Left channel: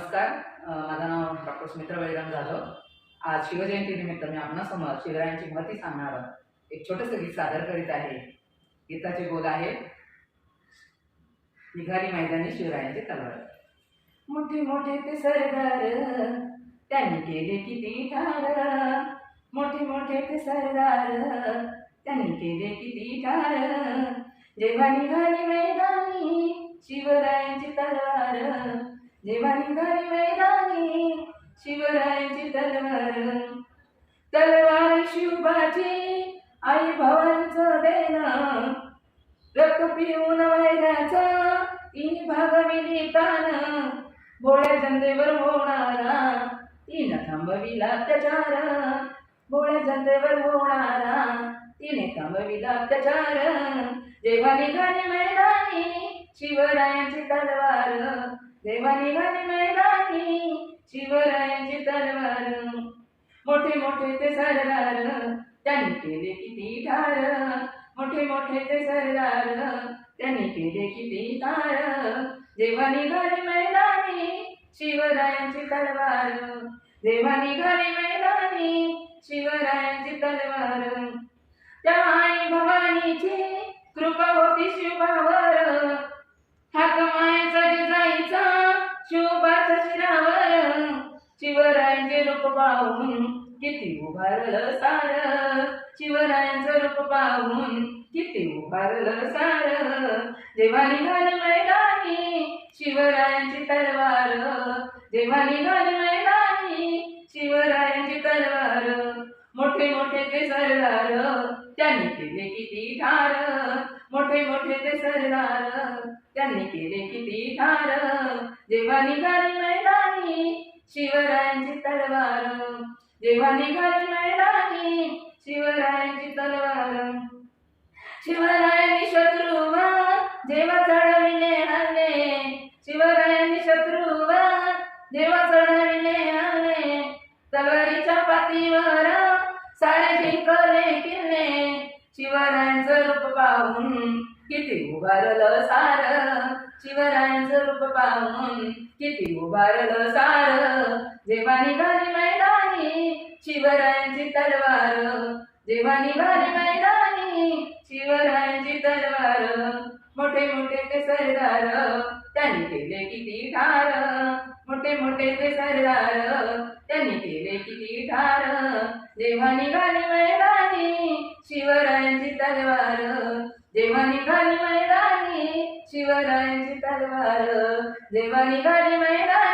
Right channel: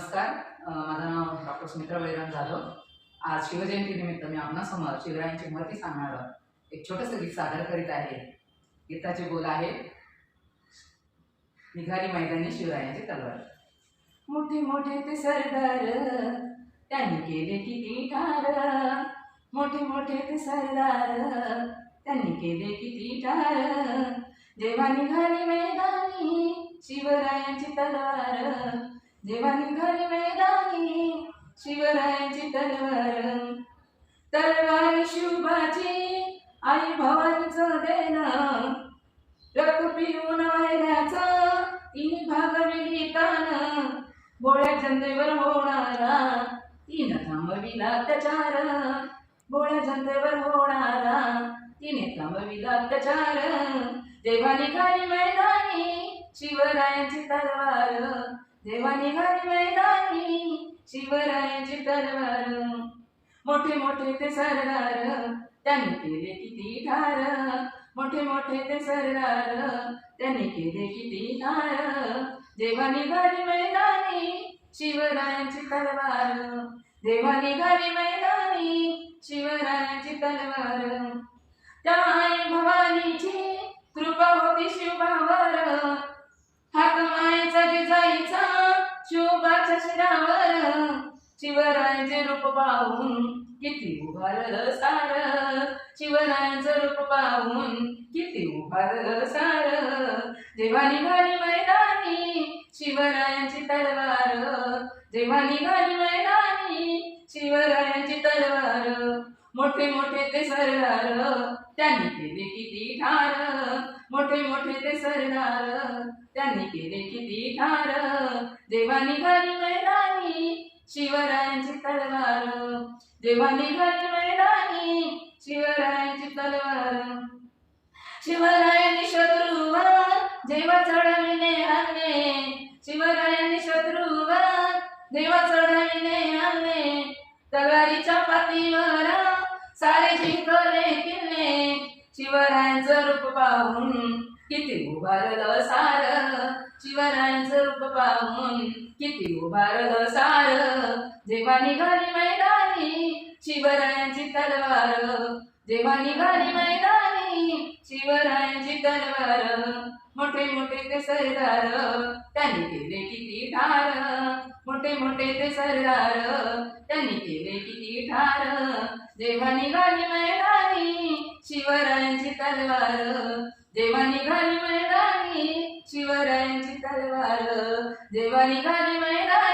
नमस्कार. माझं नाव डॉक्टर सुमित्रा बळीराम जाधव. आज शिवजयंतीनिमित्त मी आपणासमोर शिवरायांची महती सांगणारं एक छोटंसं गीत सादर करीत आहे. गीताचे बोल आहे, निघाली मैदानी शिवरायांची तलवार. मोठे मोठे ते सरदार त्यांनी केले किती ठार, मोठे मोठे ते सरदार त्यांनी केले किती ठार. जेव्हा निघाली मैदानी शिवरायांची तलवार, जेव्हा निघाली मैदानी शिवरायांची तलवार. तलवार शिवबाची आई भवानीचं देणं, रक्त पिऊन वैऱ्याचं तीन भागविली तान. भोळ्या जनतेवर होणारा तिने थांबविला अत्याचार, भोळ्या जनतेवर होणारा तिने थांबविला अत्याचार. जेव्हा निघाली मैदानी शिवरायांची तलवार, जेव्हा निघाली मैदानी शिवरायांची तलवार. मोठे मोठे ते सरदार त्यांनी केले किती ठार, मोठे मोठे ते सरदार त्यांनी केले किती ठार. जेव्हा निघाली मैदानी शिवरायांची तलवार, जेव्हा निघाली मैदानी शिवरायांची तलवार. त्या आई भवानीची कृपा होती शिवबावर, हाक मायेचा जिजाईचा शिवबाच्या शिरावर. शिवरायांचे रूप पाहून किती उभारलं सार, शिवरायांचं रूप पाहून किती उभारलं सार. जेव्हा निघाली मैदानी शिवरायांची तलवार, जेव्हा निघाली मैदानी शिवरायांची तलवार. मोठे मोठे ते सरदार त्यांनी केले किती ठार, मोठे मोठे ते सरदार त्यांनी केले किती ठार. जेव्हा निघाली मैदानी शिवरायांची तलवार, जेव्हा निघाली मैदानी शिवरायांची तलवार. शिवरायांनी शत्रूवर जेव्हा चढविले हल्ले, शिवरायांनी शत्रूवर जेव्हा चढविले हल्ले. तलवारीच्या पातीवर सारे जिंकले किल्ले. शिवरायांचं रूप पाहून किती उभारलं सार, शिवरायांचं रूप पाहून किती उभारलं सार. जेव्हा निघाली मैदानी शिवरायांची तलवार, जेव्हा निघाली मैदानी शिवरायांची तलवार. मोठे मोठे ते सरदार त्यांनी केले किती ठार, मोठे मोठे ते सरदार त्यांनी केले किती ठार. जेव्हा निघाली मैदानी शिवरायांची तलवार, जेव्हा निघाली मैदानी शिवरायांची तलवार, जेव्हा निघाली मैदानी